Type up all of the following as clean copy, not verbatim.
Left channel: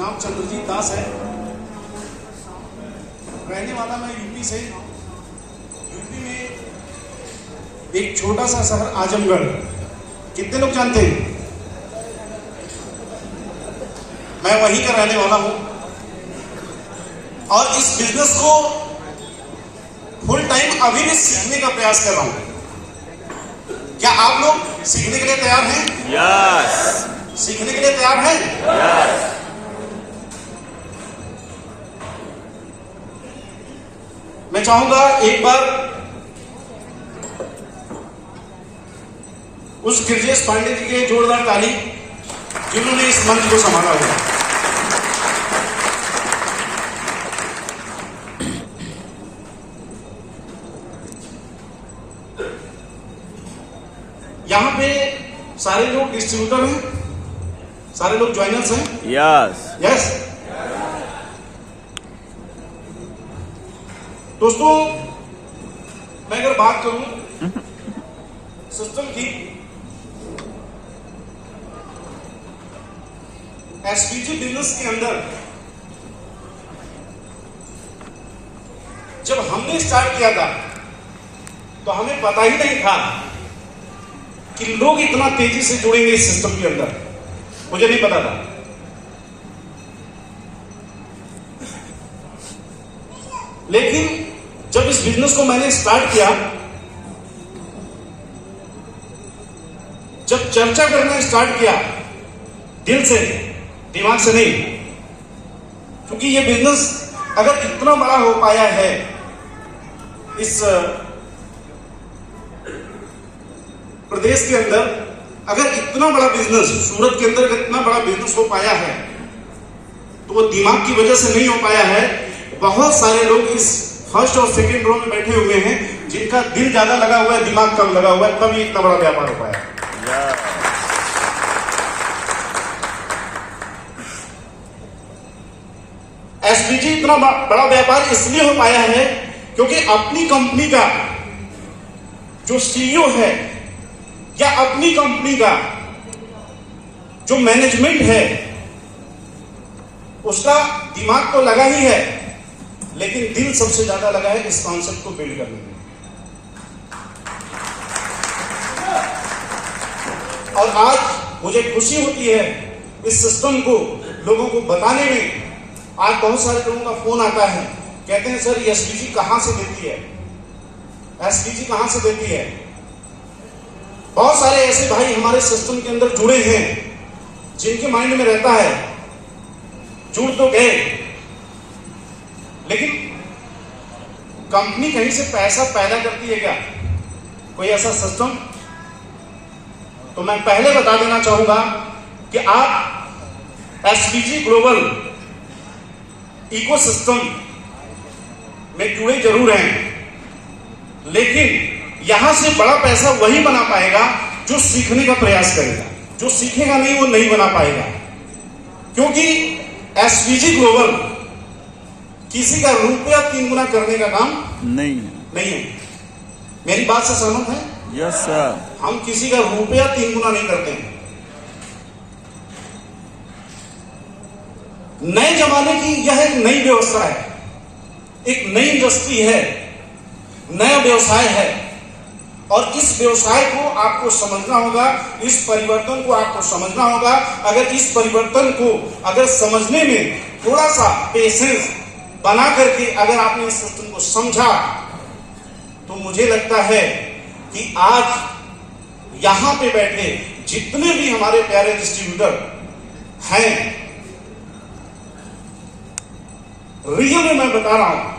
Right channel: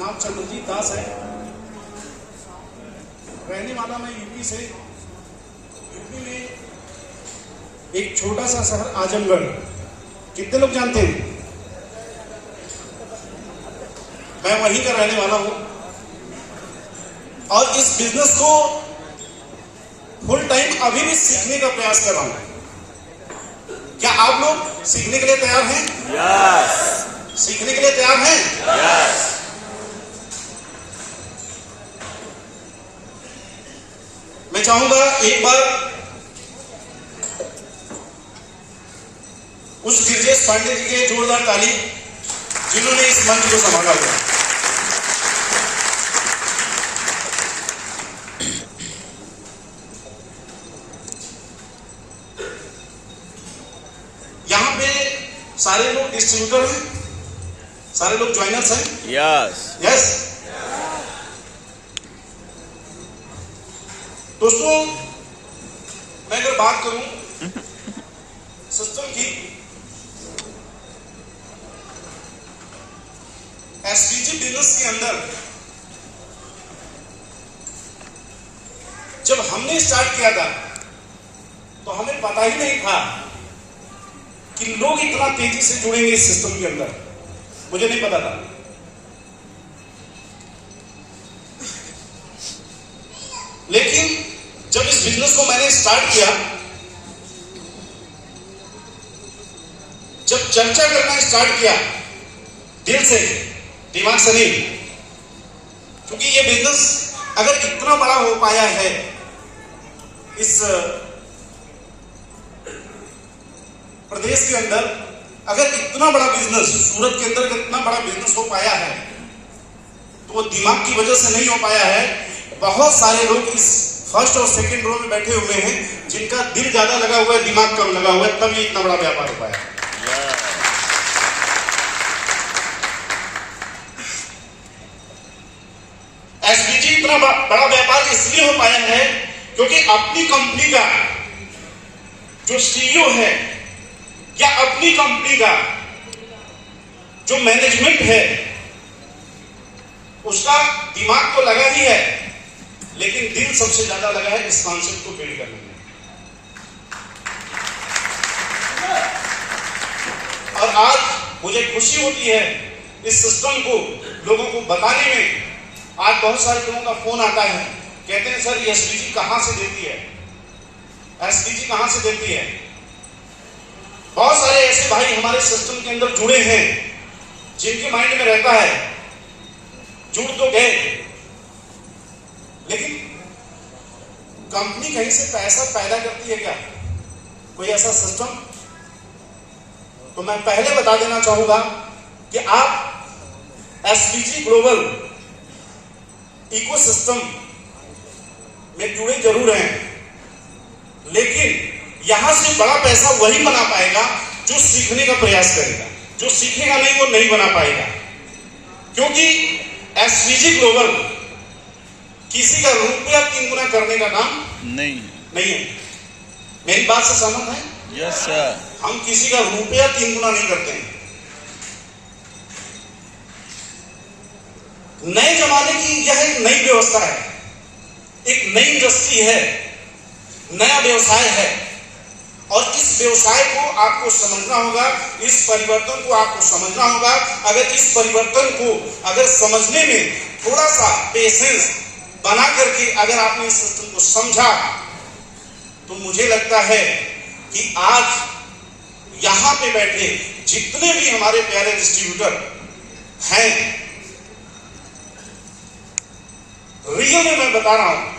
नाम चंद्रजीत दास है। रहने वाला मैं यूपी से। यूपी में एक छोटा सा शहर आजमगढ़, कितने लोग जानते हैं? मैं वहीं का रहने वाला हूं और इस बिजनेस को फुल टाइम अभी भी सीखने का प्रयास कर रहा हूं। क्या आप लोग सीखने के लिए तैयार हैं? यस। सीखने के लिए तैयार हैं? यस। मैं चाहूंगा एक बार उस गिरजेश पांडे जी के जोरदार ताली जिन्होंने इस मंच को संभाला हुआ। यहां पे सारे लोग डिस्ट्रीब्यूटर हैं, सारे लोग ज्वाइनर्स हैं। यस। यस। दोस्तों, मैं अगर बात करूं सिस्टम की, एसपीजी बिजनेस के अंदर जब हमने स्टार्ट किया था तो हमें पता ही नहीं था कि लोग इतना तेजी से जुड़ेंगे इस सिस्टम के अंदर। मुझे नहीं पता था। लेकिन जब इस बिजनेस को मैंने स्टार्ट किया, जब चर्चा करना स्टार्ट किया दिल से, दिमाग से नहीं, क्योंकि ये बिजनेस अगर इतना बड़ा हो पाया है, इस प्रदेश के अंदर अगर इतना बड़ा बिजनेस, सूरत के अंदर इतना बड़ा बिजनेस हो पाया है, तो वो दिमाग की वजह से नहीं हो पाया है। बहुत सारे लोग इस फर्स्ट और सेकंड रो में बैठे हुए हैं जिनका दिल ज्यादा लगा हुआ है, दिमाग कम लगा हुआ है, तब ये इतना बड़ा व्यापार हो पाया। एसपीजी इतना बड़ा व्यापार इसलिए हो पाया है क्योंकि अपनी कंपनी का जो सीईओ है या अपनी कंपनी का जो मैनेजमेंट है, उसका दिमाग तो लगा ही है, लेकिन दिल सबसे ज्यादा लगा है इस कॉन्सेप्ट को बिल्ड करने में। और आज मुझे खुशी होती है इस सिस्टम को लोगों को बताने में। आज बहुत सारे लोगों का फोन आता है, कहते हैं सर ये एसपीजी कहां से देती है, एसपीजी कहां से देती है। बहुत सारे ऐसे भाई हमारे सिस्टम के अंदर जुड़े हैं जिनके माइंड में रहता है जुड़ तो गए, लेकिन कंपनी कहीं से पैसा पैदा करती है क्या? कोई ऐसा सिस्टम? तो मैं पहले बता देना चाहूंगा कि आप एसपीजी ग्लोबल इकोसिस्टम में जुड़े जरूर हैं, लेकिन यहां से बड़ा पैसा वही बना पाएगा जो सीखने का प्रयास करेगा। जो सीखेगा नहीं वो नहीं बना पाएगा, क्योंकि एसपीजी ग्लोबल किसी का रुपया 3 गुना करने का काम नहीं है। मेरी बात से सहमत है? Yes sir. हम किसी का रुपया 3 गुना नहीं करते हैं। नए जमाने की यह एक नई व्यवस्था है, एक नई इंडस्ट्री है, नया व्यवसाय है, और इस व्यवसाय को आपको समझना होगा, इस परिवर्तन को आपको समझना होगा। अगर इस परिवर्तन को अगर समझने में थोड़ा सा पेशेंस बना करके अगर आपने इस सिस्टम को समझा, तो मुझे लगता है कि आज यहां पे बैठे जितने भी हमारे प्यारे डिस्ट्रीब्यूटर हैं, रियल में मैं बता रहा हूं,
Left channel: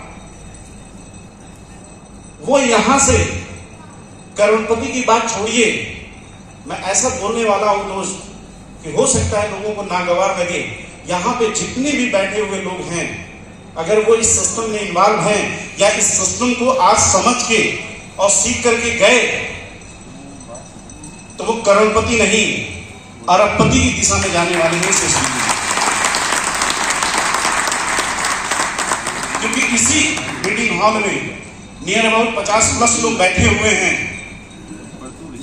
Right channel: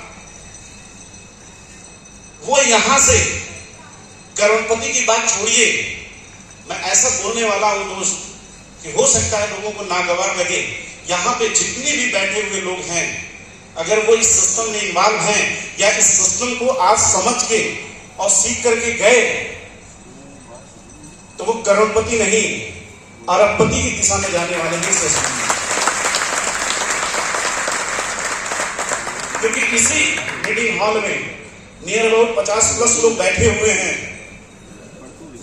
वो यहां से करोड़पति की बात छोड़िए, मैं ऐसा बोलने वाला हूं दोस्त कि हो सकता है लोगों को नागवार लगे, यहां पे जितने भी बैठे हुए लोग हैं, अगर वो इस सिस्टम में इन्वॉल्व हैं या इस सिस्टम को आज समझ के और सीख करके गए, तो वो करोड़पति नहीं अरबपति की दिशा में जाने वाले हैं से सीखिए। क्योंकि इसी मीटिंग हॉल में नियर अबाउट 50+ लोग बैठे हुए हैं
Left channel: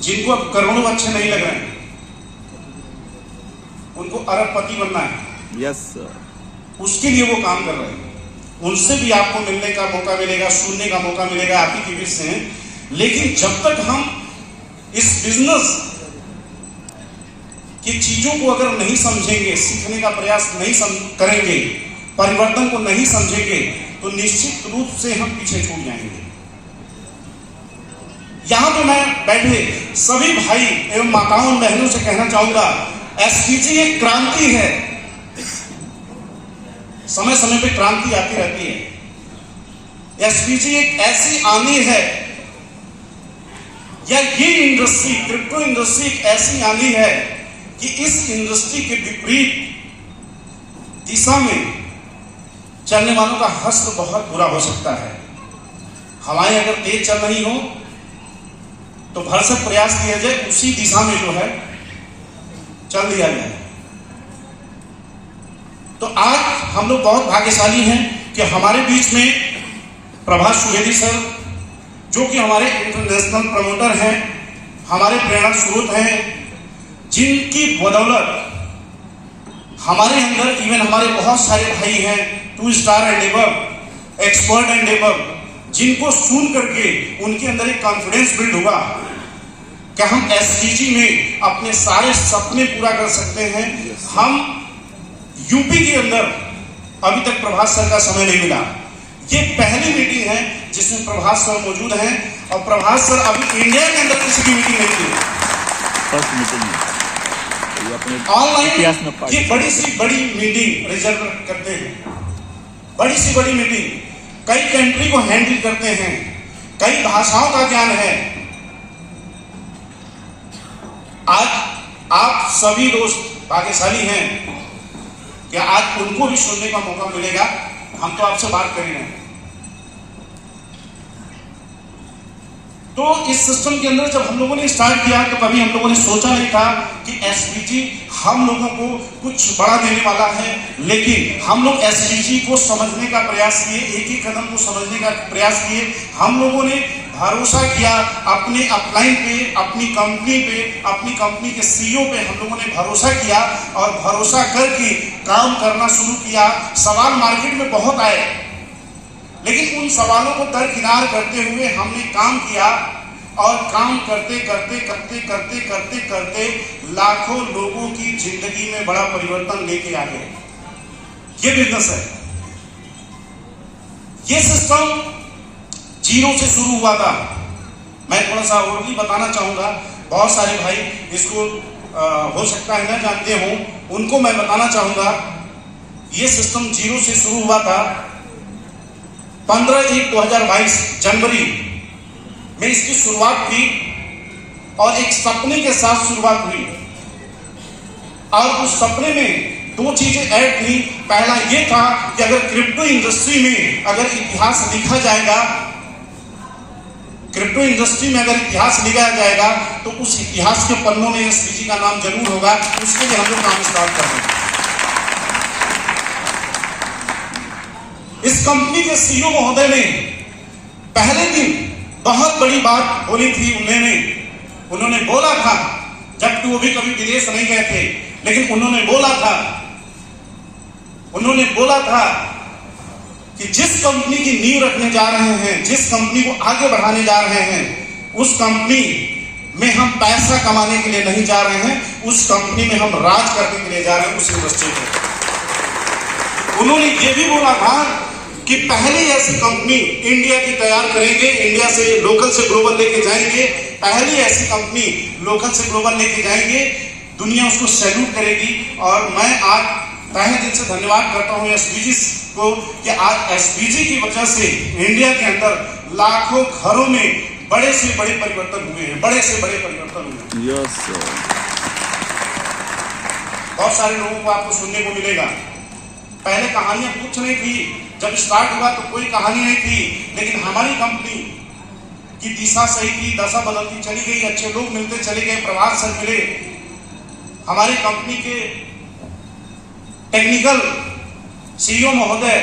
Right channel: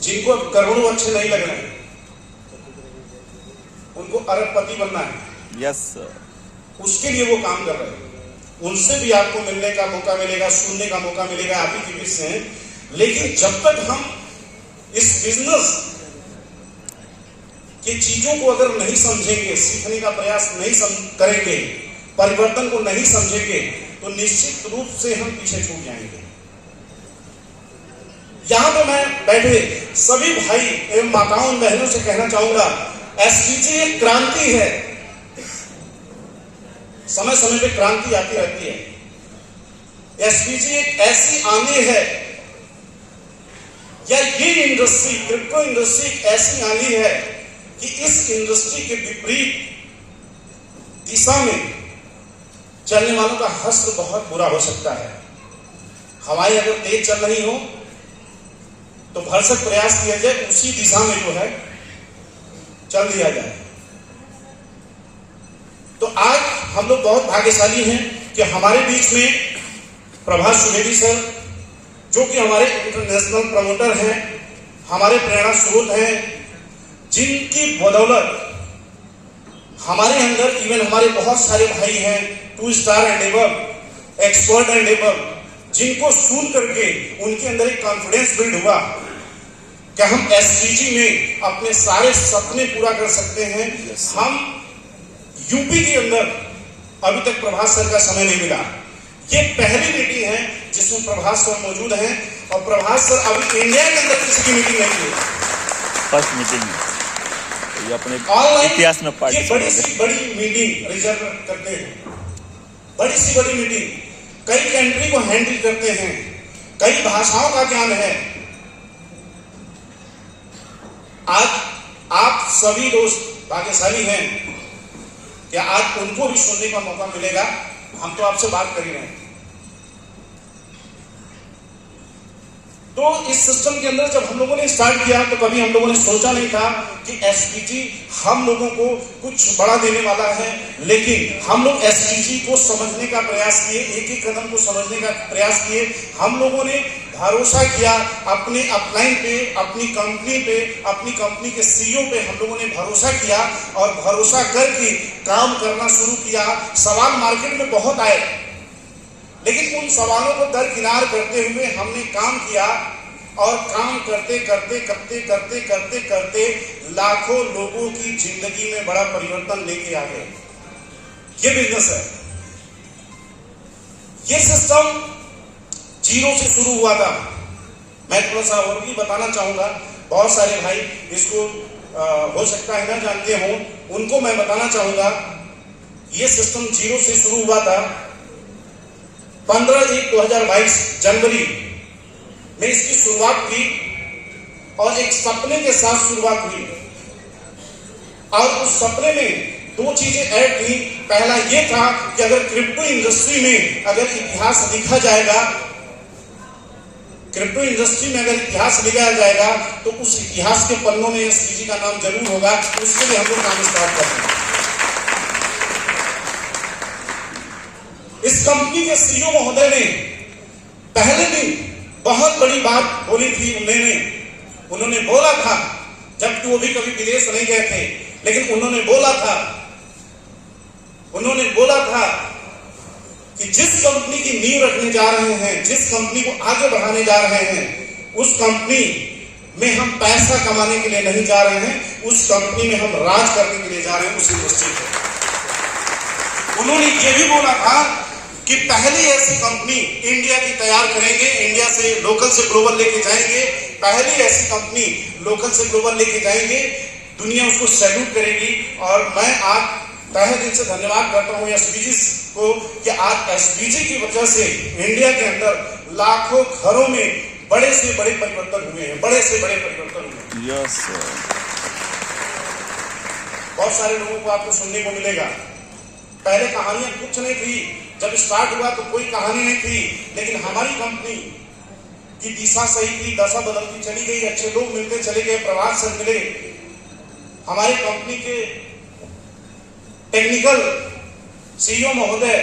जिनको अब करोड़ों अच्छे नहीं लग रहे हैं, उनको अरबपति बनना है। Yes sir. उसके लिए वो काम कर रहे हैं। उनसे भी आपको मिलने का मौका मिलेगा, सुनने का मौका मिलेगा, आप ही के बीच से। लेकिन जब तक हम इस बिजनेस की चीजों को अगर नहीं समझेंगे, सीखने का प्रयास नहीं करेंगे, परिवर्तन को नहीं समझेंगे, तो निश्चित रूप से हम पीछे छूट जाएंगे। यहां तो मैं बैठे सभी भाई एवं माताओं बहनों से कहना चाहूंगा, एसपीजी एक क्रांति है। समय समय पे क्रांति आती रहती है। एसपीजी एक ऐसी आंधी है, या ये इंडस्ट्री, क्रिप्टो इंडस्ट्री एक ऐसी आंधी है कि इस इंडस्ट्री के विपरीत दिशा में चलने वालों का हश्र बहुत बुरा हो सकता है। हवाएं अगर तेज चल रही हो तो भरसक प्रयास किया जाए उसी दिशा में जो है चल दिया जाए। तो आज हम लोग बहुत भाग्यशाली हैं कि हमारे बीच में प्रभास सुवेदी सर, जो कि हमारे इंटरनेशनल प्रमोटर हैं, हमारे प्रेरणा स्रोत हैं, जिनकी बदौलत हमारे अंदर इवन हमारे बहुत सारे भाई हैं 2 star and above, expert and above, जिनको सुन करके उनके अंदर एक कॉन्फिडेंस बिल्ड हुआ कि हम एसपीजी में अपने सारे सपने पूरा कर सकते हैं। हम यूपी के अंदर अभी तक प्रभास सर का समय नहीं मिला। ये पहली मीटिंग है जिसमें प्रभास सर मौजूद हैं, और प्रभास सर अभी इंडिया के अंदर किसी की मीटिंग नहीं की, फर्स्ट मीटिंग ये अपने इतिहास में ऑनलाइन। ये बड़ी सी बड़ी मीटिंग रिजर्व करते हैं, बड़ी सी बड़ी मीटिंग, कई कंट्री को हैंडल करते हैं, कई भाषाओं का ज्ञान है। आज आप सभी दोस्त भाग्यशाली हैं कि आज उनको भी सुनने का मौका मिलेगा। हम तो आपसे बात कर ही रहे हैं। तो इस सिस्टम के अंदर जब हम लोगों ने स्टार्ट किया तो कभी हम लोगों ने सोचा नहीं था कि एसपीजी हम लोगों को कुछ बड़ा देने वाला है। लेकिन हम लोग एसपीजी को समझने का प्रयास किए, एक एक कदम को समझने का प्रयास किए। हम लोगों ने भरोसा किया अपने अपलाइन पे, अपनी कंपनी पे, अपनी कंपनी के सीईओ पे हम लोगों ने भरोसा किया, और भरोसा करके काम करना शुरू किया। सवाल मार्केट में बहुत आए, लेकिन उन सवालों को दरकिनार करते हुए हमने काम किया, और काम करते करते करते करते करते करते लाखों लोगों की जिंदगी में बड़ा परिवर्तन लेके आ गए। ये बिजनेस है। ये सिस्टम जीरो से शुरू हुआ था। मैं थोड़ा सा और भी बताना चाहूंगा, बहुत सारे भाई इसको हो सकता है ना जानते हो, उनको मैं बताना चाहूंगा। ये सिस्टम जीरो से शुरू हुआ था। 15/1/2022 जनवरी में इसकी शुरुआत हुई, और एक सपने के साथ शुरुआत हुई। और उस सपने में 2 चीजें ऐड हुई। पहला ये था कि अगर क्रिप्टो इंडस्ट्री में अगर इतिहास लिखा जाएगा, क्रिप्टो इंडस्ट्री में अगर इतिहास लिखा जाएगा, तो उस इतिहास के पन्नों में एसपीजी का नाम जरूर होगा। उसके लिए हम लोग काम स्टार्ट कर रहे हैं। इस कंपनी के सीईओ महोदय ने पहले दिन बहुत बड़ी बात बोली थी। उन्होंने बोला था, जबकि वो भी कभी विदेश नहीं गए थे, लेकिन उन्होंने बोला था कि जिस कंपनी की नींव रखने जा रहे हैं, जिस कंपनी को आगे बढ़ाने जा रहे हैं, उस कंपनी में हम पैसा कमाने के लिए नहीं जा रहे हैं, उस कंपनी में हम राज करने के लिए जा रहे हैं, उस इंडस्ट्री में। उन्होंने ये भी बोला था कि पहली ऐसी कंपनी इंडिया की तैयार करेंगे, इंडिया से लोकल से ग्लोबल लेके जाएंगे, पहली ऐसी कंपनी लोकल से ग्लोबल लेके जाएंगे, दुनिया उसको सैल्यूट करेगी। और मैं आज तहे दिल से धन्यवाद करता हूं एसपीजी को कि आज एसपीजी की वजह से इंडिया के अंदर लाखों घरों में बड़े से बड़े परिवर्तन हुए हैं, बड़े से बड़े परिवर्तन हुए हैं। Yes sir. बहुत सारे लोगों को आपको सुनने को मिलेगा, पहले कहानियां कुछ नहीं थी, जब स्टार्ट हुआ तो कोई कहानी नहीं थी, लेकिन हमारी कंपनी की दिशा सही थी, दशा बदलती चली गई, अच्छे लोग मिलते चले गए। प्रभात सर मिले, हमारी कंपनी के टेक्निकल सीईओ महोदय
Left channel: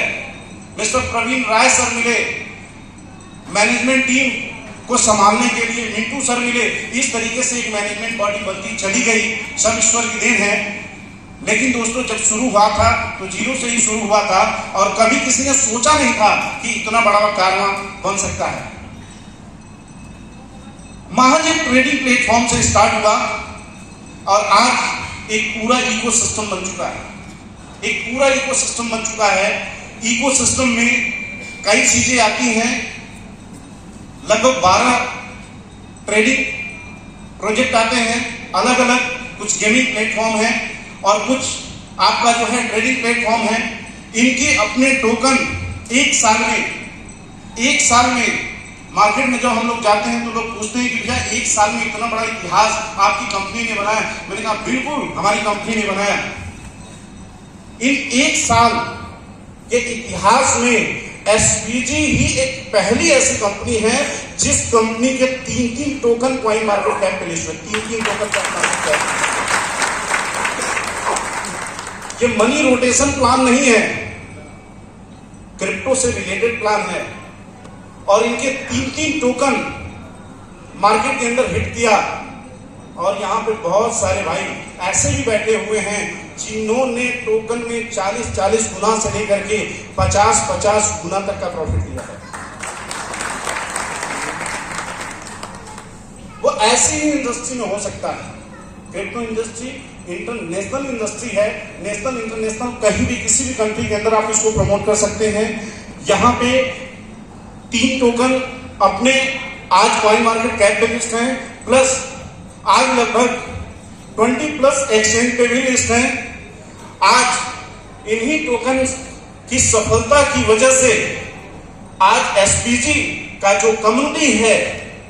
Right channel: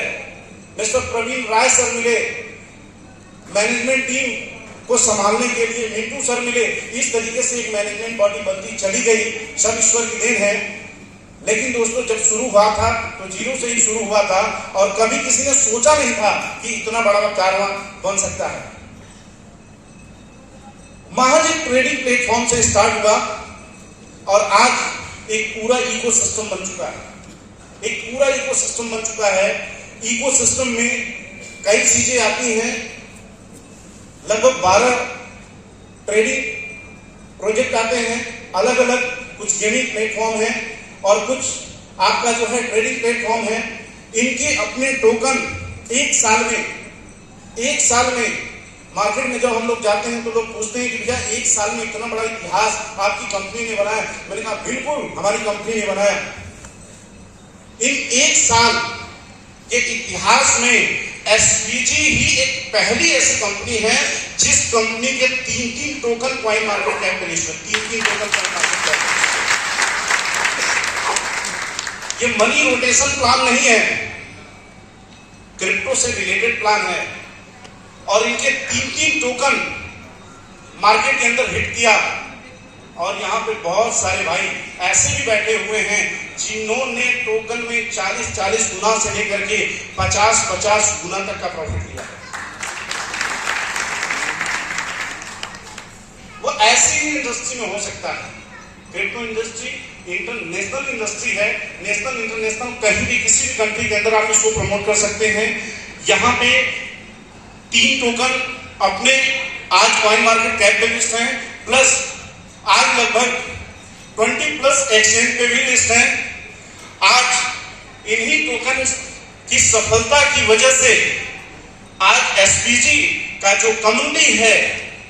मिस्टर प्रवीण राय सर मिले, मैनेजमेंट टीम को संभालने के लिए मिंटू सर मिले। इस तरीके से एक मैनेजमेंट बॉडी बनती चली गई, सब ईश्वर की देन है। लेकिन दोस्तों जब शुरू हुआ था तो जीरो से ही शुरू हुआ था और कभी किसी ने सोचा नहीं था कि इतना बड़ा कारवां बन सकता है। महज एक ट्रेडिंग प्लेटफॉर्म से स्टार्ट हुआ और आज एक पूरा इकोसिस्टम बन चुका है। एक पूरा इकोसिस्टम बन चुका है। इकोसिस्टम में कई चीजें आती हैं। लगभग 12 ट्रेडिंग प्रोजेक्ट आते हैं अलग अलग। कुछ गेमिंग प्लेटफॉर्म है और कुछ आपका जो है ट्रेडिंग प्लेटफॉर्म है। इनके अपने टोकन एक साल में मार्केट में जब हम लोग जाते हैं तो लोग पूछते हैं कि भैया एक साल में इतना बड़ा इतिहास आपकी कंपनी ने बनाया। मैंने कहा बिल्कुल हमारी कंपनी ने बनाया। इन एक साल के इतिहास में एसपीजी ही एक पहली ऐसी कंपनी है जिस कंपनी के 3 टोकन कॉइन मार्केट कैप पे लिस्ट हुए। 3 टोकन कॉइन मार्केट कैप। ये मनी रोटेशन प्लान नहीं है, क्रिप्टो से रिलेटेड प्लान है। और इनके 3 टोकन मार्केट के अंदर हिट किया। और यहाँ पे बहुत सारे भाई ऐसे भी बैठे हुए हैं जिन्होंने टोकन में 40 गुना से लेकर के 50 गुना तक का प्रॉफिट लिया है। वो ऐसी ही इंडस्ट्री में हो सकता है। क्रिप्टो इंडस्ट्री इंटरनेशनल इंडस्ट्री है। नेशनल इंटरनेशनल कहीं भी किसी भी कंट्री के अंदर आप इसको प्रमोट कर सकते हैं। यहाँ पे 3 टोकन अपने आज कॉइन मार्केट कैप पे लिस्ट हैं, प्लस आज लगभग 20+ एक्सचेंज पे भी लिस्ट हैं। आज इन्हीं टोकन की सफलता की वजह से आज एसपीजी का जो कम्युनिटी है,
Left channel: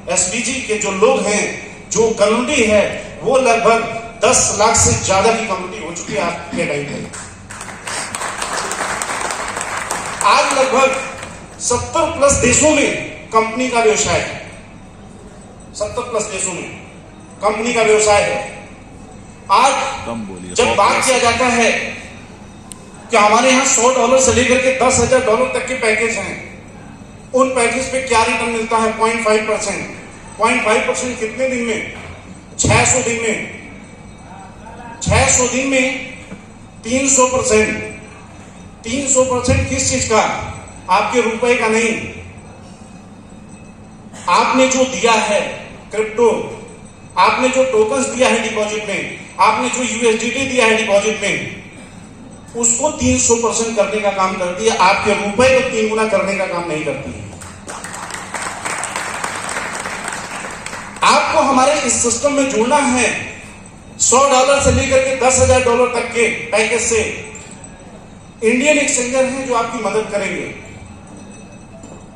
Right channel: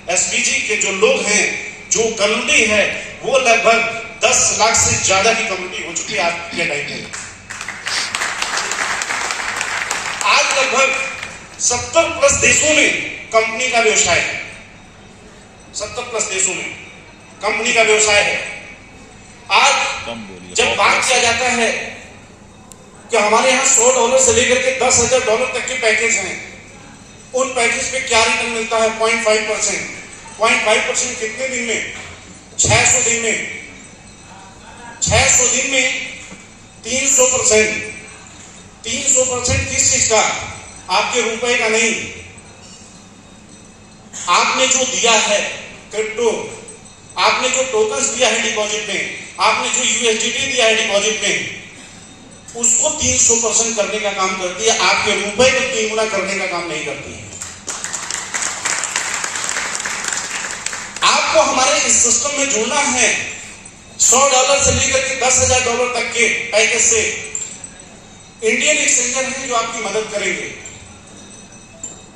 एसपीजी के जो लोग हैं, जो कम्युनिटी है, वो लगभग 10 लाख से ज्यादा की कम्युनिटी हो चुकी है आज के टाइम पे। आज लगभग 70+ देशों में कंपनी का व्यवसाय है। 70+ देशों में कंपनी का व्यवसाय है। आज जब बात किया जाता है कि हमारे यहाँ $100 से लेकर के $10,000 तक के पैकेज हैं, उन पैकेज पे क्या रिटर्न मिलता है? 0.5%। 0.5% कितने दिन में? 600 दिन में। 600 दिन में 300%। 300% किस चीज का? आपके रुपए का नहीं। आपने जो दिया है क्रिप्टो, आपने जो टोकन्स दिया है डिपॉजिट में, आपने जो यूएसडीटी दिया है डिपॉजिट में, उसको 300% करने का काम करती है। आपके रुपए को 3 गुना करने का काम नहीं करती है। आपको हमारे इस सिस्टम में जुड़ना है। $100 से लेकर के $10,000 तक के पैकेज से इंडियन एक्सचेंजर हैं जो आपकी मदद करेंगे।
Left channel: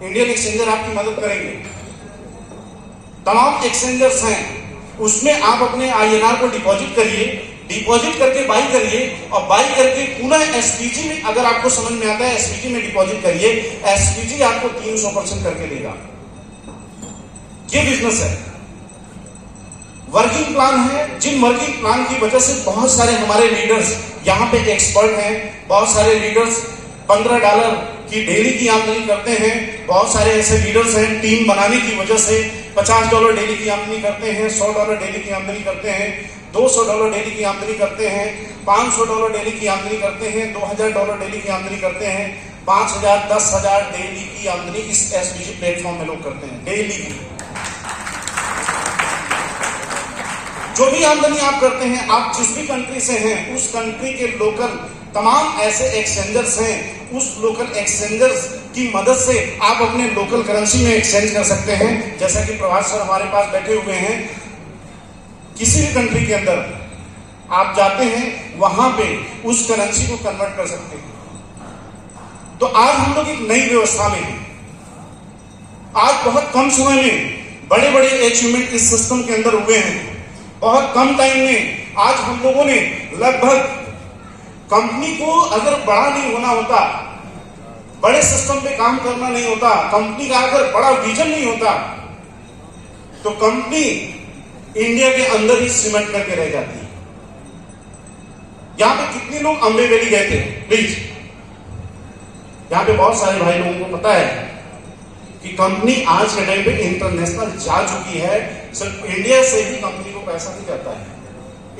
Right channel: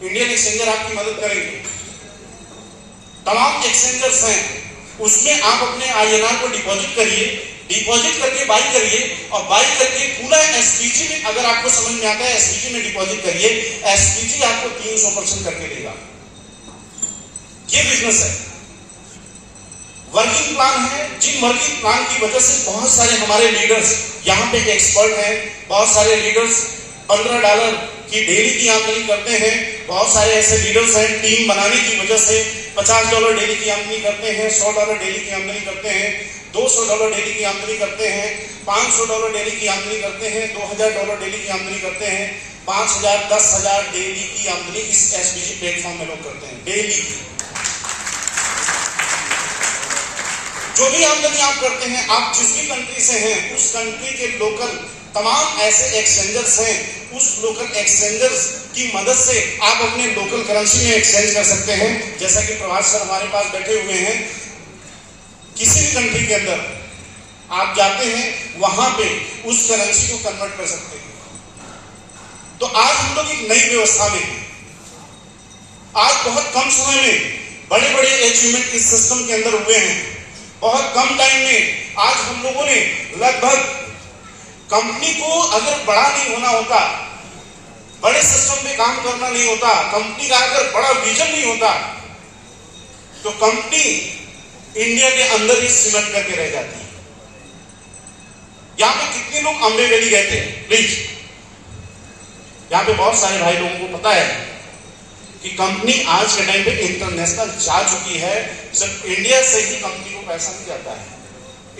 इंडियन एक्सचेंजर आपकी मदद करेंगे। तमाम एक्सचेंजर्स हैं, उसमें आप अपने INR को डिपॉजिट करिए, डिपॉजिट करके बाई करिए और बाई करके पुनः एसपीजी में, अगर आपको समझ में आता है एसपीजी में डिपॉजिट करिए। एसपीजी आपको 300% करके देगा। ये बिजनेस है, वर्किंग प्लान है। जिन वर्किंग प्लान की वजह से बहुत सारे हमारे लीडर्स यहाँ पे एक्सपर्ट हैं। बहुत सारे लीडर्स $15 की डेली की आमदनी करते हैं। बहुत सारे ऐसे लीडर्स हैं टीम बनाने की वजह से $50 डेली की आमदनी करते हैं, $100 डेली की आमदनी करते हैं, $200 डेली की आमदनी करते हैं, $500 डेली की आमदनी करते हैं, $2000 डेली की आमदनी करते हैं, 5000 10,000 डेली की आमदनी इस एसपीजी प्लेटफॉर्म में लोग करते हैं डेली की। जो भी आमदनी आप करते हैं, आप जिस भी कंट्री से हैं, उस कंट्री के लोकल तमाम ऐसे एक्सचेंजर्स हैं, उस लोकल एक्सचेंजर्स की मदद से आप अपने लोकल करेंसी में एक्सचेंज कर सकते हैं। जैसा कि प्रभात सर हमारे पास बैठे हुए हैं, किसी भी कंट्री के अंदर आप जाते हैं, वहां पे उस करेंसी को कन्वर्ट कर सकते हैं। तो आज हम लोग एक नई व्यवस्था में हैं। आज बहुत कम समय में बड़े बड़े अचीवमेंट इस सिस्टम के अंदर हुए हैं। बहुत कम टाइम में आज हम लोगों ने लगभग कंपनी को अगर बड़ा नहीं होना होता, बड़े सिस्टम पे काम करना नहीं होता, कंपनी का अगर बड़ा विजन नहीं होता, तो कंपनी इंडिया के अंदर ही सीमेंट करके रह जाती है। यहां पे कितने लोग अम्बे वैली गए थे? प्लीज, यहां पे बहुत सारे भाई लोगों को पता है कि कंपनी आज के टाइम पे इंटरनेशनल जा चुकी है। सिर्फ इंडिया से ही कंपनी को पैसा नहीं जाता है,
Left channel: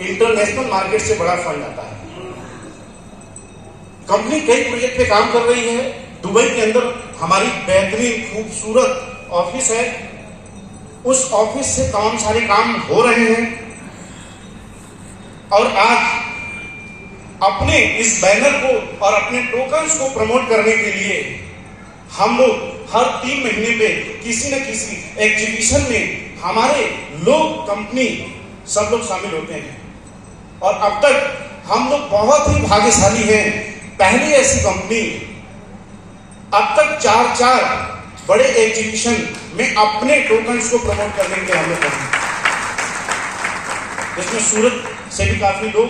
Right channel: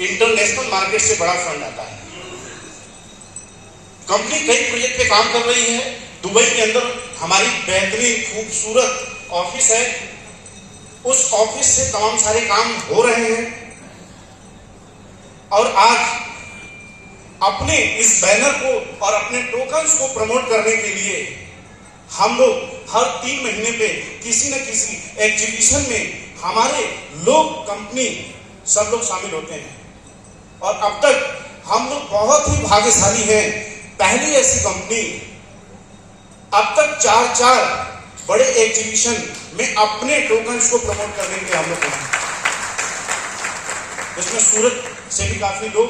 इंटरनेशनल मार्केट से बड़ा फंड आता है। कंपनी कई प्रोजेक्ट पे काम कर रही है। दुबई के अंदर हमारी बेहतरीन खूबसूरत ऑफिस है। उस ऑफिस से तमाम सारे काम हो रहे हैं और आज अपने इस बैनर को और अपने टोकन्स को प्रमोट करने के लिए हम लोग हर 3 महीने पे किसी न किसी एग्जीबिशन में हमारे लोग कंपनी सब लोग शामिल होते हैं। और अब तक हम लोग बहुत ही भाग्यशाली हैं, पहली ऐसी कंपनी अब तक 4 बड़े एग्जीबिशन में अपने टोकन्स को प्रमोट करने के लिए हम लोग पहुंचे, जिसमें सूरत से भी काफी लोग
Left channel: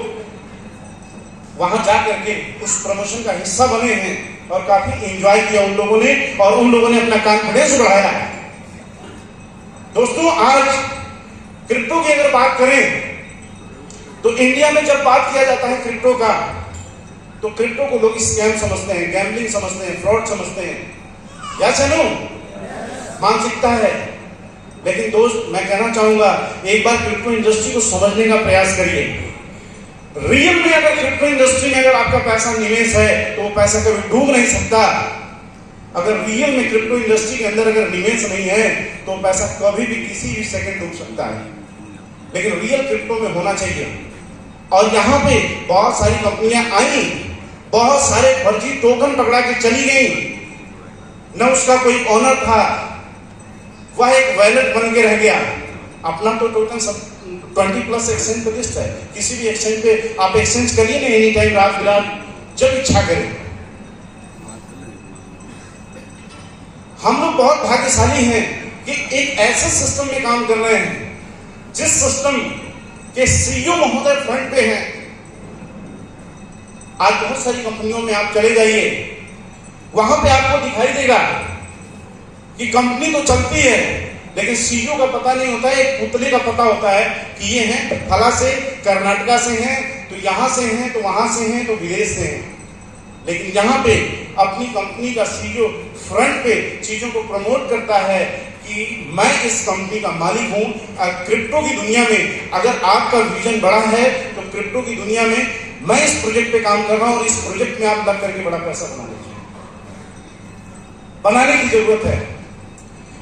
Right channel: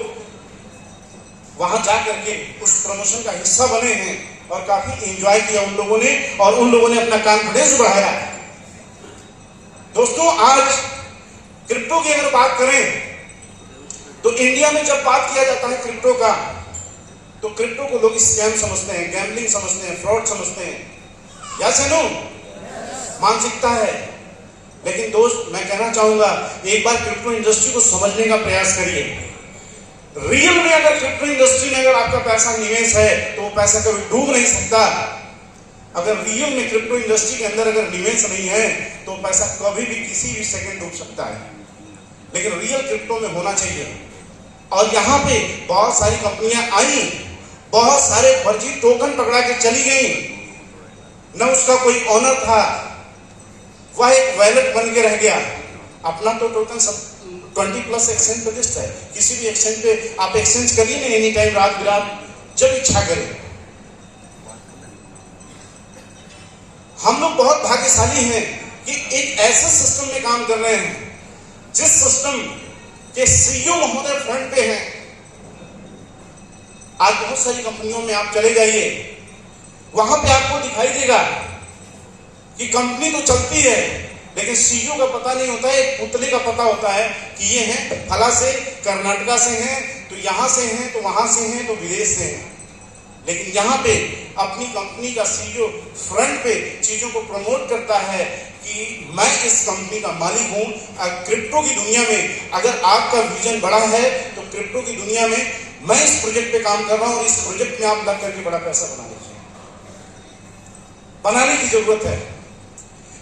वहां जाकर के उस प्रमोशन का हिस्सा बने हैं और काफी एंजॉय किया उन लोगों ने, और उन लोगों ने अपना कॉन्फिडेंस बढ़ाया। दोस्तों, आज क्रिप्टो की अगर बात करें तो इंडिया में जब बात किया जाता है क्रिप्टो का, तो क्रिप्टो को लोग स्कैम समझते हैं, गैम्बलिंग समझते हैं, फ्रॉड समझते हैं। या सनू मानसिकता है। लेकिन दोस्त, मैं कहना चाहूंगा, एक बार क्रिप्टो इंडस्ट्री को समझने का प्रयास करिए। रियल में अगर क्रिप्टो इंडस्ट्री में अगर आपका पैसा निवेश है तो वो पैसा कभी डूब नहीं सकता। अगर रियल में क्रिप्टो इंडस्ट्री के अंदर अगर निवेश नहीं है तो पैसा कभी भी किसी भी सेकंड डूब सकता है। लेकिन रियल क्रिप्टो में होना चाहिए। और यहाँ पे बहुत सारी कंपनियां आई, बहुत सारे फर्जी टोकन पकड़ा के चली गई, न उसका कोई ऑनर था, वह एक वैलेट बन के रह गया। अपना तो टोकन सब 20+ एक्सचेंज पे लिस्ट है, किसी भी एक्सचेंज पे आप एक्सचेंज करिए ना, एनी टाइम, रात बिरात, जब इच्छा करें। हम लोग बहुत भाग्यशाली हैं कि एक ऐसे सिस्टम में काम कर रहे हैं जिस सिस्टम के सीईओ महोदय फ्रंट पे हैं। आज बहुत सारी कंपनियों में आप चले जाइए, वहां पे आपको दिखाई देगा कि कंपनी तो चलती है लेकिन सीईओ का पता नहीं होता है, एक पुतले का पता होता है कि ये हैं फला से, कर्नाटका से हैं, तो यहां से हैं, तो वहां से हैं, तो विदेश से हैं। लेकिन यहाँ पे अपनी कंपनी का सीईओ फ्रंट पे चीजों को प्रमोट करता है कि मैं इस कंपनी का मालिक हूं। क्रिप्टो की दुनिया में अगर आपका विजन बड़ा है तो क्रिप्टो की दुनिया में मैं इस प्रोजेक्ट पे काम कर रहा हूं और इस प्रोजेक्ट में आप लग करके बड़ा पैसा बनाने की जरूरत है।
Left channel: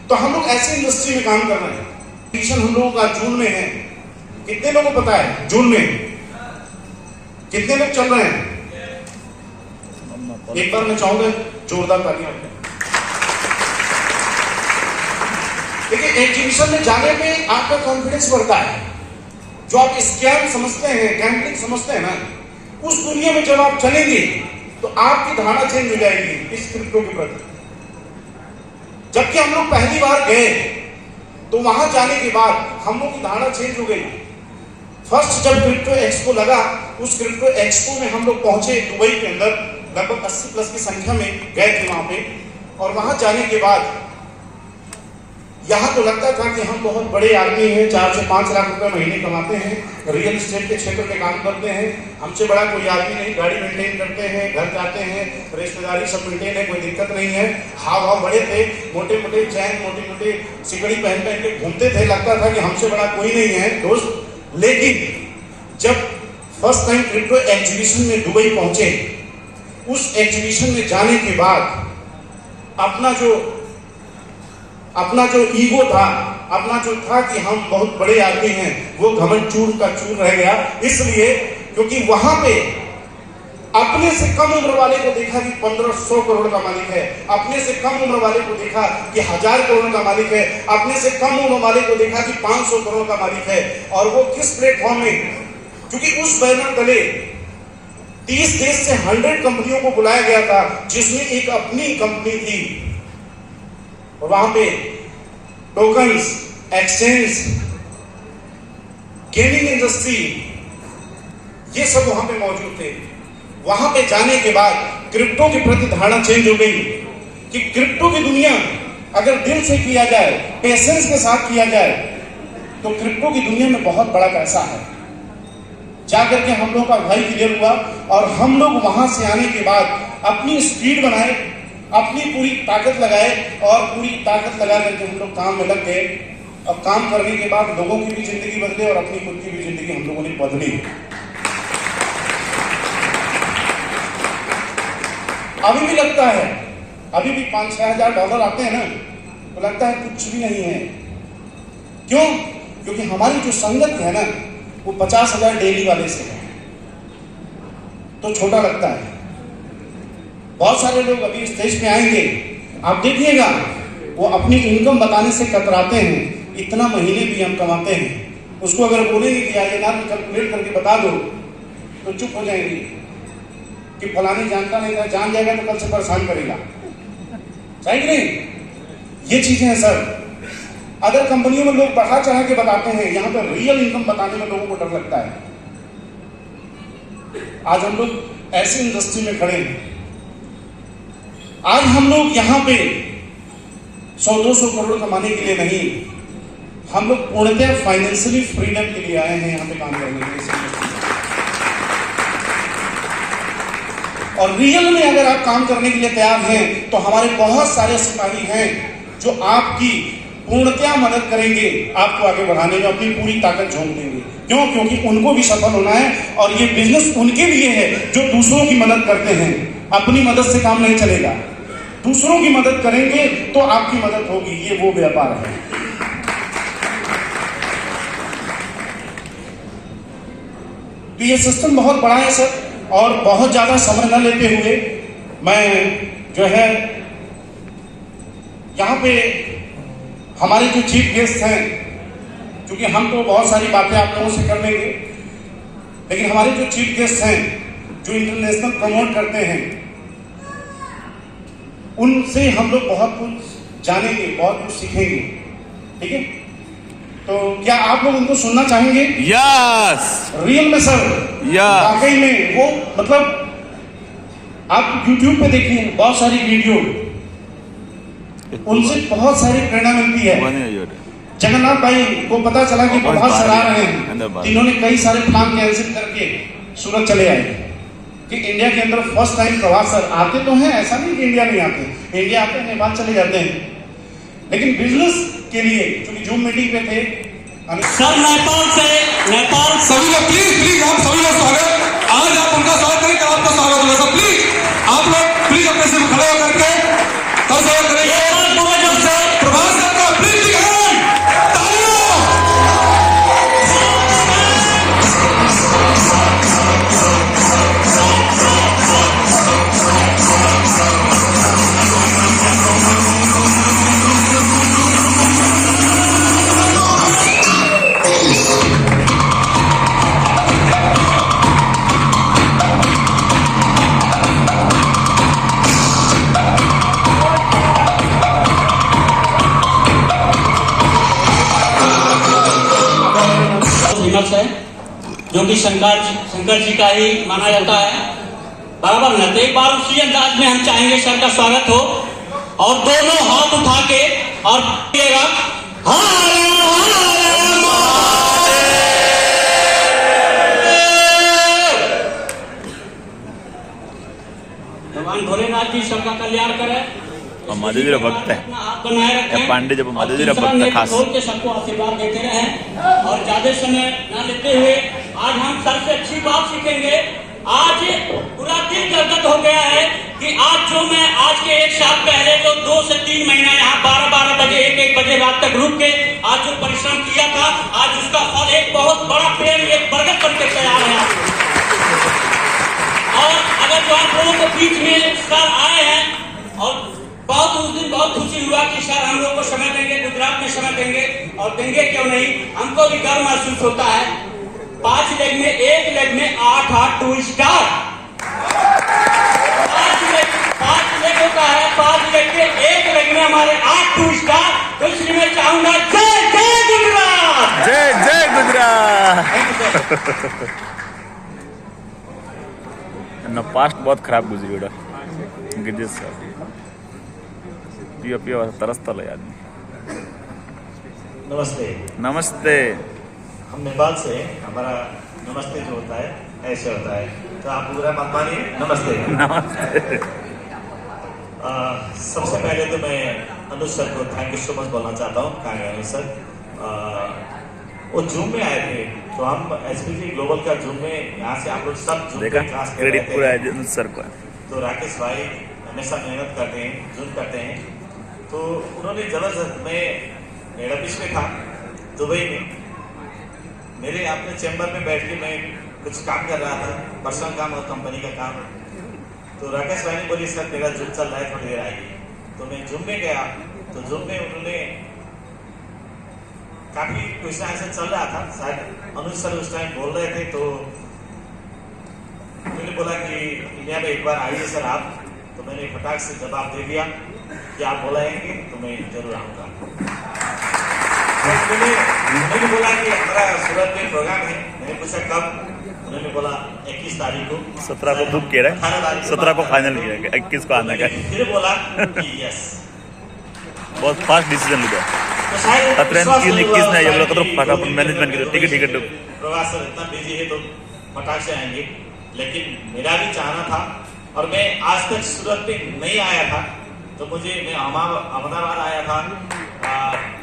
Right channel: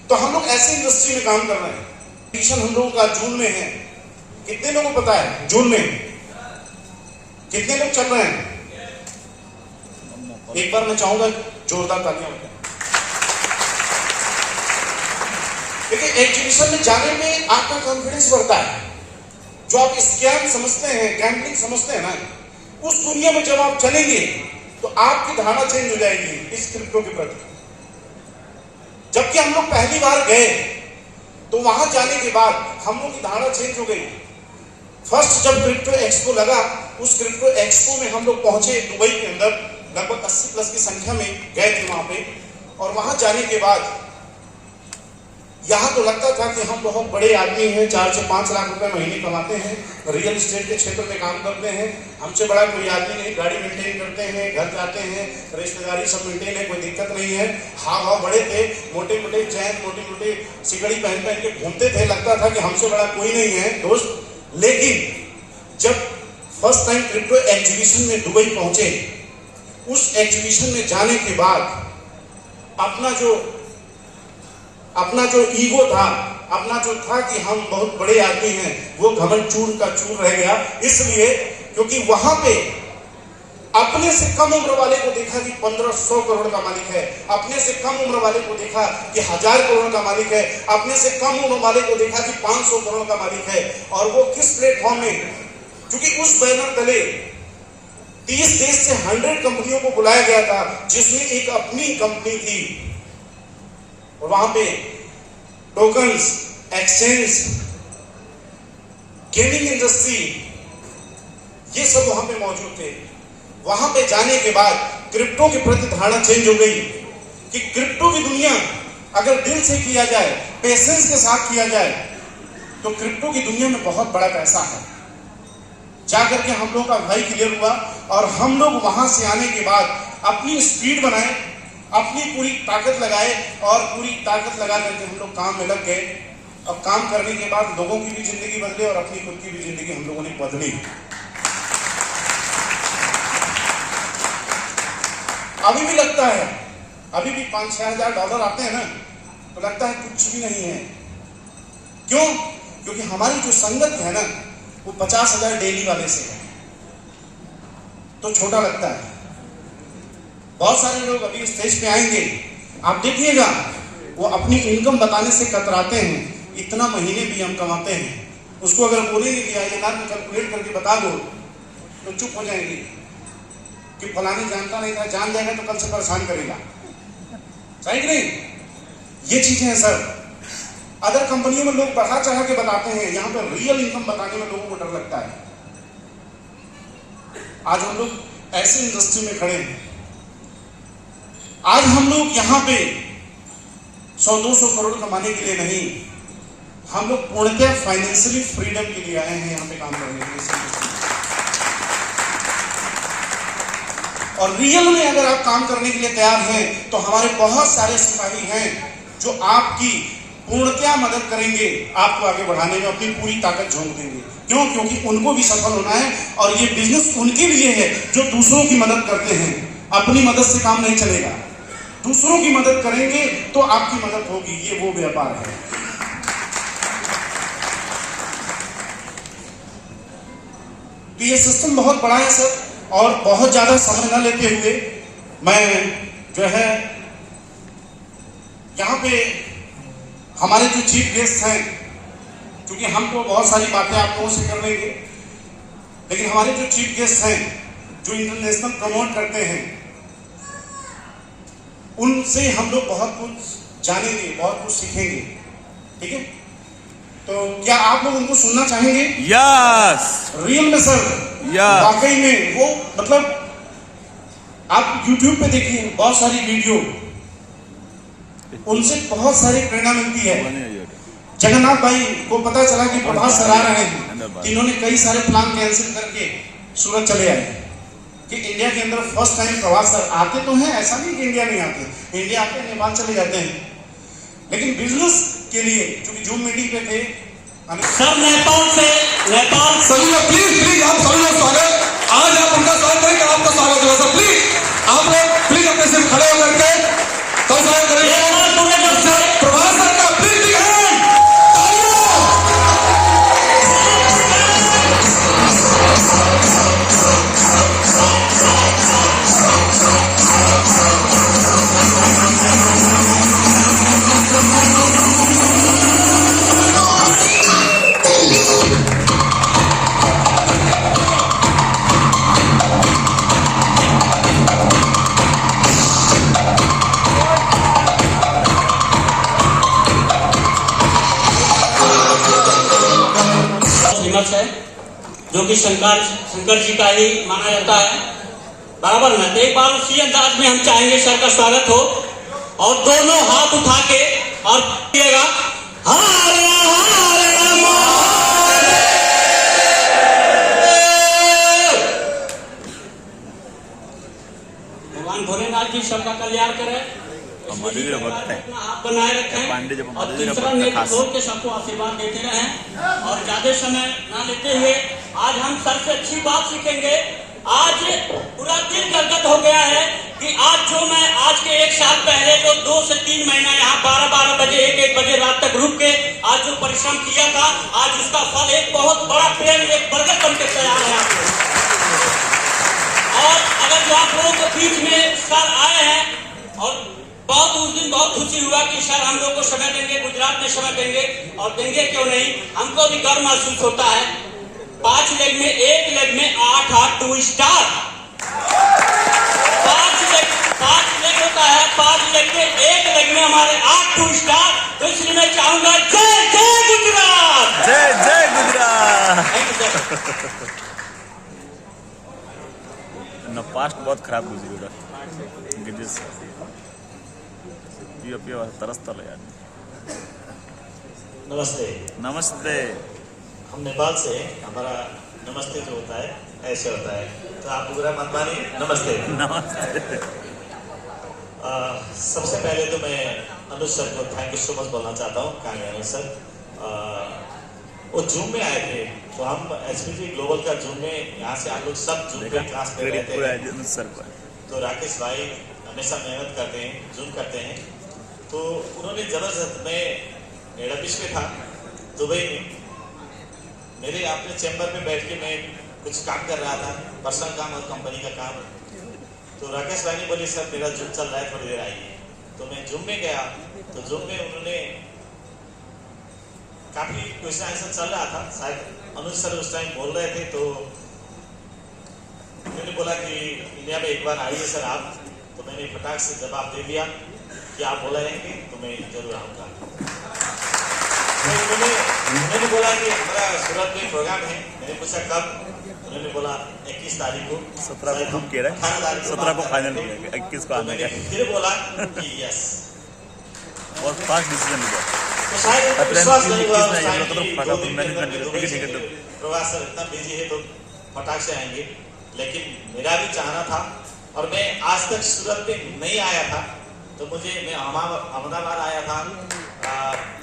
तो हम लोग ऐसी इंडस्ट्री में काम कर रहे हैं। मिशन हम लोगों का जून में है। कितने लोगों को पता है जून में कितने लोग चल रहे हैं? एक बार मैं चाहूंगा जोरदार तालियां। देखिए, एग्जीबिशन में जाने में आपका कॉन्फिडेंस बढ़ता है। जो आप स्कैम समझते हैं, गैम्बलिंग समझते हैं ना, उस दुनिया में जब आप चलेंगे तो आपकी धारणा चेंज हो जाएगी इस क्रिप्टो के प्रति। जबकि हम लोग पहली बार गए तो वहां जाने के बाद हम लोग की धारणा चेंज हो गई। फर्स्ट जब क्रिप्टो एक्सपो लगा, उस क्रिप्टो एक्सपो में हम लोग पहुंचे दुबई के अंदर, लगभग 80+ की संख्या में गए थे वहां पे। और वहां जाने के बाद यहां तो लगता था कि हम बहुत बड़े आदमी हैं, 4 से 5 लाख रुपए महीने कमाते हैं, रियल एस्टेट के क्षेत्र में काम करते हैं, हमसे बड़ा कोई आदमी नहीं, गाड़ी मेंटेन करते हैं, घर जाते हैं, रिश्तेदारी सब मेंटेन है, कोई दिक्कत नहीं है। हाव भाव बड़े थे, मोटे मोटे चैन, मोटी मोटी सिकड़ी पहन पहन के घूमते थे, लगता था कि हमसे बड़ा कोई नहीं है दोस्त। लेकिन जब फर्स्ट टाइम क्रिप्टो एग्जीबिशन में दुबई पहुंचे, उस एग्जीबिशन में जाने के बाद अपना जो ईगो था, अपना जो था कि हम बहुत बड़े आदमी हैं, वो घमंड चूर का चूर रह गया। इसलिए क्योंकि वहां पे अपने से कम उम्र वाले को देखा कि 1500 करोड़ का मालिक है, अपने से कम उम्र वाले को देखा कि 1000 करोड़ का मालिक है, अपने से कम उम्र वाले को देखा कि 500 करोड़ का मालिक है। और वो किस प्लेटफॉर्म में? क्योंकि उस बैनर तले 30 देश से 100 कंपनियों को बुलाया गया था, जिसमें एक अपनी कंपनी थी। और वहां पे टोकन्स, एक्सचेंज, गेमिंग इंडस्ट्री, ये सब वहां पे मौजूद थे। वहां पे जाने के बाद क्रिप्टो के प्रति धारणा चेंज हो गई कि क्रिप्टो की दुनिया अगर दिल से किया जाए, पेशेंस के साथ किया जाए, तो क्रिप्टो की दुनिया में बहुत बड़ा पैसा है। जाकर के हम लोग का भाई क्लियर हुआ और हम लोग वहां से आने के बाद अपनी स्पीड बनाए, अपनी पूरी ताकत लगाए और पूरी ताकत लगा करके हम लोग काम में लग गए। और काम करने के बाद लोगों की भी जिंदगी बदले और अपनी खुद की भी जिंदगी हम लोगों ने बदली। अभी भी लगता है, अभी भी 5-6 हजार डॉलर आते हैं ना, तो लगता है कुछ भी नहीं है। क्यों? क्योंकि हमारी जो संगत है ना, वो 50,000 डेली वाले से है, तो छोटा लगता है। बहुत सारे लोग अभी स्टेज पे आएंगे, आप देखिएगा, वो अपनी इनकम बताने से कतराते हैं। इतना महीने भी हम कमाते हैं, उसको अगर बोलेंगे कि आइए ना कैलकुलेट करके बता दो, तो चुप हो जाएंगे कि फलानी जानता नहीं था, जान जाएगा तो कल से परेशान करेगा। सही कि नहीं? ये चीजें हैं सर। अदर कंपनियों में लोग बढ़ा चढ़ा के बताते हैं, यहां पर रियल इनकम बताने में लोगों को डर लगता है। आज हम लोग ऐसी इंडस्ट्री में खड़े हैं, आज हम लोग यहां पे 100-200 करोड़ कमाने के लिए नहीं, हम लोग पूर्णतः फाइनेंशियली फ्रीडम के लिए आए हैं यहां पे काम करने के लिए। और रियल में अगर आप काम करने के लिए तैयार हैं, तो हमारे बहुत सारे सिपाही हैं जो आपकी पूर्णतः मदद करेंगे, आपको आगे बढ़ाने में अपनी पूरी ताकत झोंक देंगे। क्यों? क्योंकि उनको भी सफल होना है, और ये बिजनेस उनके लिए है जो दूसरों की मदद करते हैं। अपनी मदद से काम नहीं चलेगा, दूसरों की मदद करेंगे तो आपकी मदद होगी। ये वो व्यापार है। तो ये सिस्टम बहुत बड़ा है सर, और बहुत ज्यादा समय न लेते हुए मैं जो है यहाँ पे हमारे जो चीफ गेस्ट हैं, क्योंकि हम तो बहुत सारी बातें आप लोगों से कर लेंगे, लेकिन हमारे जो चीफ गेस्ट हैं जो इंटरनेशनल प्रमोट करते हैं, उनसे हम लोग बहुत कुछ जानेंगे, बहुत कुछ सीखेंगे। ठीक है? तो क्या आप लोग उनको सुनना चाहेंगे? यस। रियल में सर, वाकई में वो, मतलब आप YouTube पे देखिए बहुत सारी वीडियो, उनसे बहुत सारी प्रेरणा मिलती है। जगन्नाथ भाई को पता चला कि प्रभास सर आ रहे हैं, इन्होंने कई सारे प्लान कैंसिल करके सूरत चले आए कि इंडिया के अंदर फर्स्ट टाइम प्रभास सर आते तो हैं, ऐसा नहीं कि इंडिया नहीं आते, इंडिया आते हैं, नेपाल चले जाते हैं, लेकिन बिजनेस के लिए क्योंकि जूम मीटिंग पे थे सर, नेपाल सभी लोग प्लीज आप सभी लोग स्वागत, आज आप उनका स्वागत करें, कल आपका स्वागत होगा सर। प्लीज आप लोग प्लीज अपने से खड़े होकर के कल स्वागत करेंगे प्रभास सर का। प्लीज बिग हैंड, तालियां। है जो कि शंकर जी का ही माना जाता है, बराबर ना। तो एक बार उसी अंदाज में हम चाहेंगे सर का स्वागत हो, और दोनों हाथ उठा के और कहिएगा भगवान भोलेनाथ जी सबका कल्याण करे। हमारे जरा भक्त है, आप बनाए रखें, पांडे जब हमारे जरा भक्त है खास खोल के सबको आशीर्वाद देते रहें। और ज्यादा समय न लेते हुए आज हम सबसे अच्छी बात सीखेंगे। आज पूरा दिल गदगद हो गया है कि आज जो मैं आज के 1 साल पहले तो 2 से 3 महीना यहाँ 12-12 बजे 1-1 बजे रात तक रुक के आज जो परिश्रम किया था, आज उसका फल एक बहुत बड़ा पेड़, एक बरगद बन के तैयार है आपको। और अगर जो आप लोगों के बीच में सर आए हैं, और बहुत उस दिन बहुत खुशी हुआ कि सर हम लोग को समय देंगे, गुजरात में समय देंगे, और देंगे क्यों नहीं, हमको भी गर्व महसूस होता है। 5 लेग में, 1 लेग में 8 2 स्टार, 5 लेग होता है, 5 लेग के 1 लेग में हमारे 8 2 स्टार। तो इसलिए मैं चाहूंगा जय जय गुजरात, जय जय गुजरात। ना पास्ट बहुत खराब गुजरी उड़ा सर, पिया तरसता है आदमी। नमस्ते। नमस्ते। हम नेपाल से, हमारा नमस्ते जो होता है ऐसे होता है, तो आप बुरा मत मानिए। नमस्ते। नमस्ते। सबसे पहले तो मैं अनुज सर को थैंक यू सो मच बोलना चाहता हूँ। कहाँ अनुज सर? वो जूम में आए थे, तो हम एसपीजी ग्लोबल का जूम में यहाँ से आप लोग सब जूम देखा, क्लास क्रेडिट पूरा अनुज सर को। तो राकेश भाई, हमेशा मेहनत करते हैं, जुन करते हैं। तो उन्होंने जबरदस्त, मैं हेड ऑफिस में था दुबई में, मेरे अपने चैम्बर में बैठ के मैं कुछ काम कर रहा था, पर्सनल काम और कंपनी का काम। तो राकेश भाई ने बोली सर मेरा जूम चल रहा है, थोड़ी देर आइए। तो मैं जूम में गया, तो जूम में उन्होंने काफी क्वेश्चन आंसर चल रहा था, शायद अनुज सर उस टाइम बोल रहे थे। तो मैंने बोला कि इंडिया में एक बार आइए सर आप। तो मैंने फटाक से जवाब दे दिया कि आप बुलाएंगे तो मैं जरूर आऊँगा। तो उन्होंने बोला कि हमारा सूरत में प्रोग्राम है। मैंने पूछा कब? उन्होंने बोला 21 तारीख को। 17 को बुक किया है, 17 को फाइनल किया है, 21 को आने का। फिर बोला कि यस, बहुत फास्ट डिसीजन लिया। तो शायद 21 ने ये बोला तो फटाफट मैनेजमेंट की टिकट प्रवास सर इतना बिजी है तो फटाक से आएंगे। लेकिन मेरा भी चाहना था, और मैं आज तक सूरत में नहीं आया था। तो मैं अहमदाबाद आया था,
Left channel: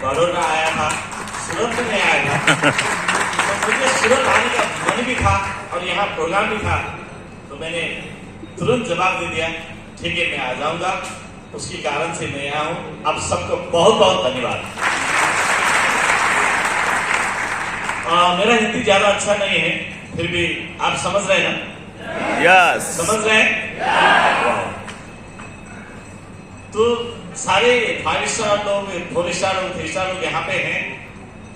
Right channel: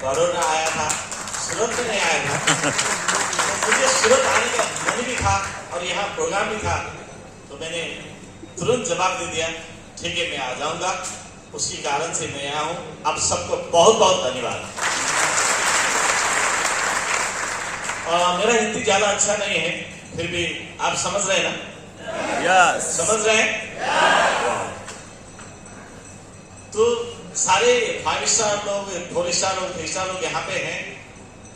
बड़ौदा आया था, सूरत में नहीं आया था। तो मुझे सूरत आने का मन भी था और यहाँ प्रोग्राम भी था। तो मैंने तुरंत जवाब दे दिया ठीक है मैं आ जाऊंगा। उसके कारण से मैं यहाँ हूँ। आप सबको बहुत बहुत धन्यवाद। मेरा हिंदी ज्यादा अच्छा नहीं है, फिर भी आप समझ रहे हैं ना? यस, समझ रहे हैं? तो सारे 5 स्टार लोग, 4 स्टार लोग, 3 स्टार लोग यहाँ पे हैं।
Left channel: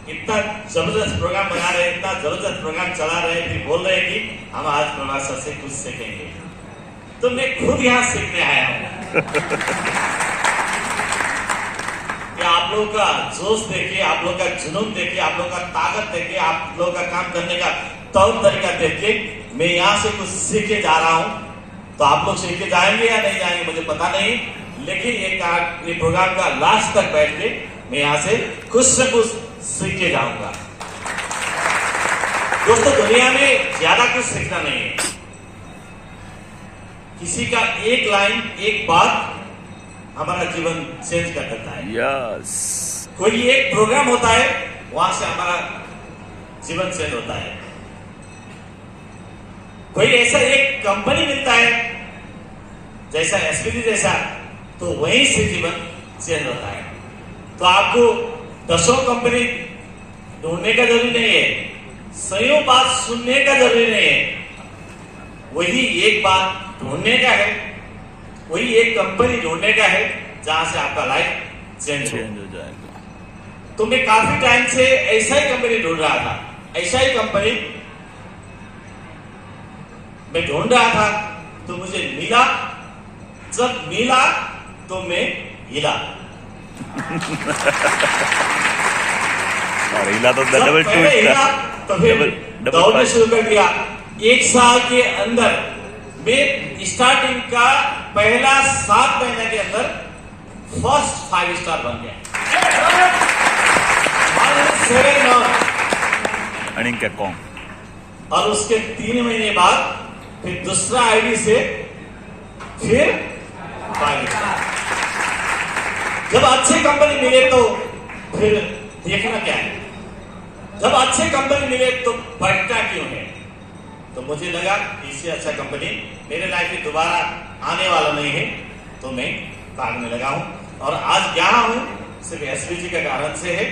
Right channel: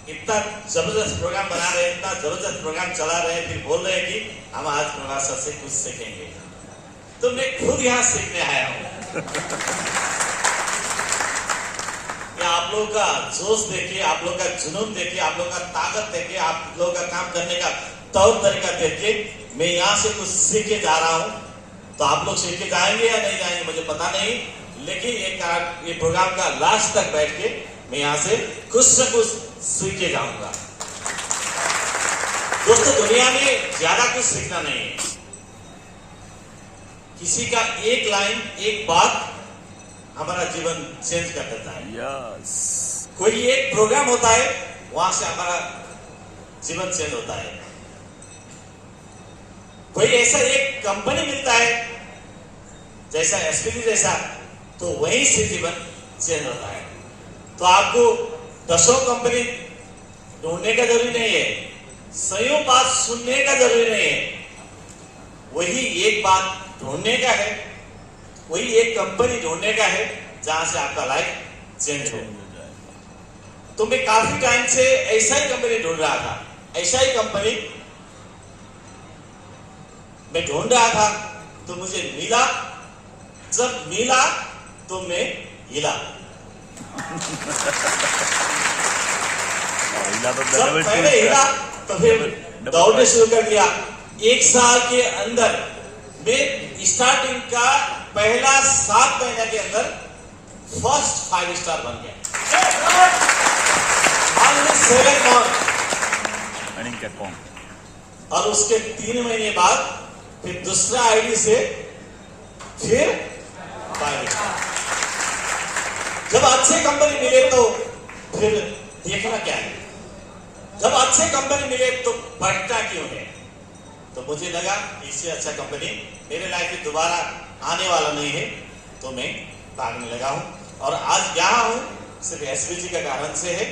इतना जबरदस्त प्रोग्राम बना रहे हैं, इतना जबरदस्त प्रोग्राम चला रहे हैं, फिर बोल रहे हैं कि हम आज प्रभास सर से कुछ सीखेंगे। तो मैं खुद यहाँ सीखने आया हूँ। आप लोगों का जोश देखिए, आप लोगों का जुनून देखिए, आप लोगों का ताकत देखिए, आप लोगों का काम करने का तौर तरीका देखिए। मैं यहाँ से कुछ सीख के जा रहा हूँ। तो आप लोग सीख के जाएंगे या नहीं जाएंगे मुझे पता नहीं, लेकिन ये प्रोग्राम का लास्ट तक बैठ के मैं यहाँ से कुछ से कुछ सीख के जाऊंगा। दोस्तों, दुनिया में ज्यादा कुछ सीखना नहीं है। किसी का एक लाइन, एक बात हमारा जीवन चेंज कर देता है। यस, कोई एक प्रोग्राम होता है, वहां से हमारा जीवन चेंज होता है। कोई ऐसा एक कंपनी मिलता है जैसा एसपीजी जैसा, तो वहीं से जीवन चेंज होता है। तो आपको 10 कंपनी ढूंढने का जरूरी नहीं है, 100 बात सुनने का जरूरी नहीं है। वही एक बात ढूंढने का है, वही एक कंपनी ढूंढने का है जहां से आपका लाइफ चेंज हो जाएगा। तो मैं काफी टाइम से ऐसा ही कंपनी ढूंढ रहा था, ऐसा ही कंपनी मैं ढूंढ रहा था। तो मुझे मिला, जब मिला तो मैं हिला। हिला तो जब मैंने हिला तो फिर दौड़ने शुरू कर दिया। 1 साल के अंदर मैं स्टार्टिंग का पहला 7 महीने के अंदर फर्स्ट 5 स्टार बन गया। 7 मंथ अर्निंग क्या कौन, और उसके 3 महीने बाद फिर दूसरा आईडी से फिर 5 स्टार। जब अच्छे कंपनी मिले तो फिर देखना क्या है, जब अच्छे कंपनी मिले तो बढ़ता क्यों है। तो मुझे लगा इससे अच्छा कंपनी मेरे लाइफ में दोबारा आने वाला नहीं है, तो मैं भागने लगा हूं। और आज यहाँ हूं सिर्फ एसपीजी के कारण से है।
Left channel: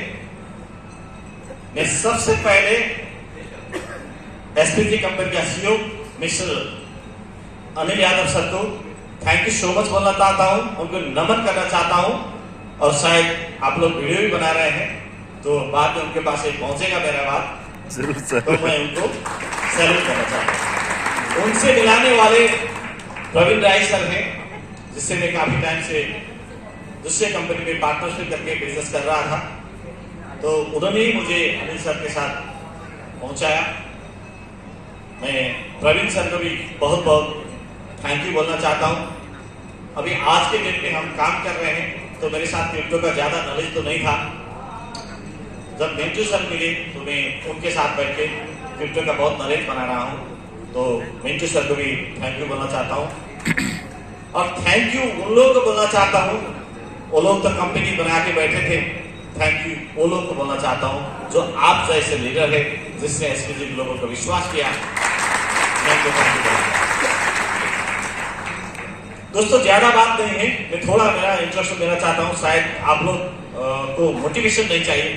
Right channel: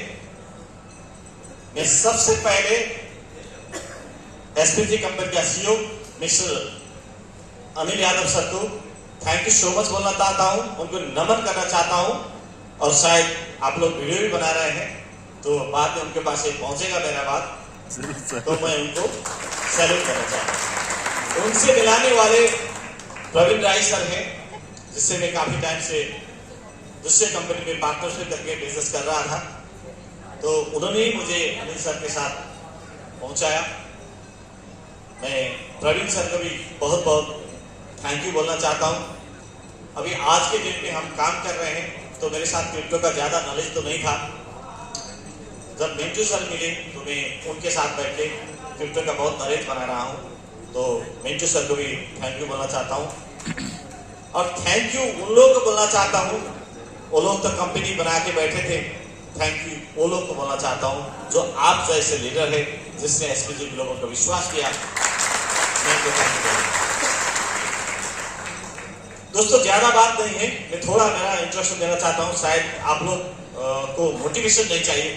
मैं सबसे पहले एसपीजी कंपनी का CEO mister Anil Yadav sir को थैंक यू सो मच बोलना चाहता हूं, उनको नमन करना चाहता हूं। और शायद आप लोग वीडियो भी बना रहे हैं, तो बाद में उनके पास एक पहुंचेगा मेरा बात, जरूर सर। तो मैं उनको सैल्यूट करना चाहता हूँ। उनसे मिलाने वाले प्रवीण राय सर हैं, जिससे मैं काफी टाइम से दूसरे कंपनी में पार्टनरशिप करके बिजनेस कर रहा था। तो उन्होंने ही मुझे अनिल सर के साथ पहुंचाया। मैं प्रवीण सर को भी बहुत बहुत थैंक यू बोलना चाहता हूँ। अभी आज के दिन में हम काम कर रहे हैं, तो मेरे साथ क्रिप्टो का ज्यादा नॉलेज तो नहीं था। जब मिंटू सर मिले तो मैं उनके साथ बैठ के क्रिप्टो का बहुत नॉलेज बना रहा हूँ। तो मिंटू सर को भी थैंक यू बोलना चाहता हूँ। और थैंक यू उन लोगों को बोलना चाहता हूँ, वो लोग तो कंपनी बना के बैठे थे। थैंक यू वो लोग को बोलना चाहता हूँ जो आप जैसे लीडर है, जिसने एसपीजी लोगों को विश्वास किया। दोस्तों ज्यादा बात नहीं है, मैं थोड़ा मेरा इंट्रोडक्शन देना चाहता हूं। शायद आप लोग को मोटिवेशन नहीं चाहिए,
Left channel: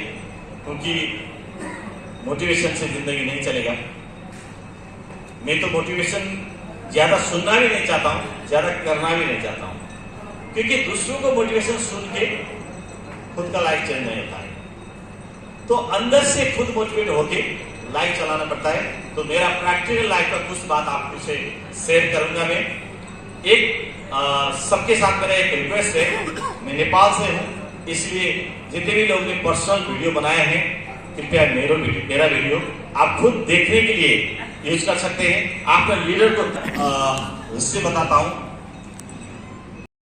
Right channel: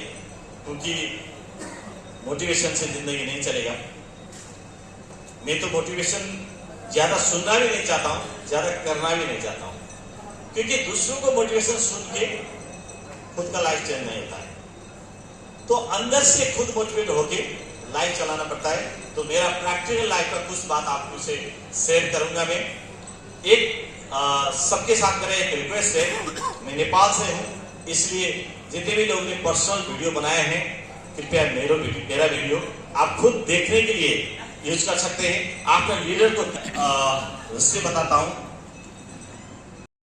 क्योंकि मोटिवेशन से जिंदगी नहीं चलेगा। मैं तो मोटिवेशन ज्यादा सुनना भी नहीं चाहता हूं, ज्यादा करना भी नहीं चाहता हूं, क्योंकि दूसरों को मोटिवेशन सुन के खुद का लाइफ चेंज नहीं होता है। तो अंदर से खुद मोटिवेट होके लाइफ चलाना पड़ता है। तो मेरा प्रैक्टिकल लाइफ का कुछ बात आपको से शेयर करूंगा। मैं एक सबके साथ मेरा एक रिक्वेस्ट है, मैं नेपाल से हूं, इसलिए जितने भी लोग ने पर्सनल वीडियो बनाए हैं, कृपया मेरा वीडियो आप खुद देखने के लिए यूज कर सकते हैं। आपका लीडर को हिस्ट्री बताता हूं।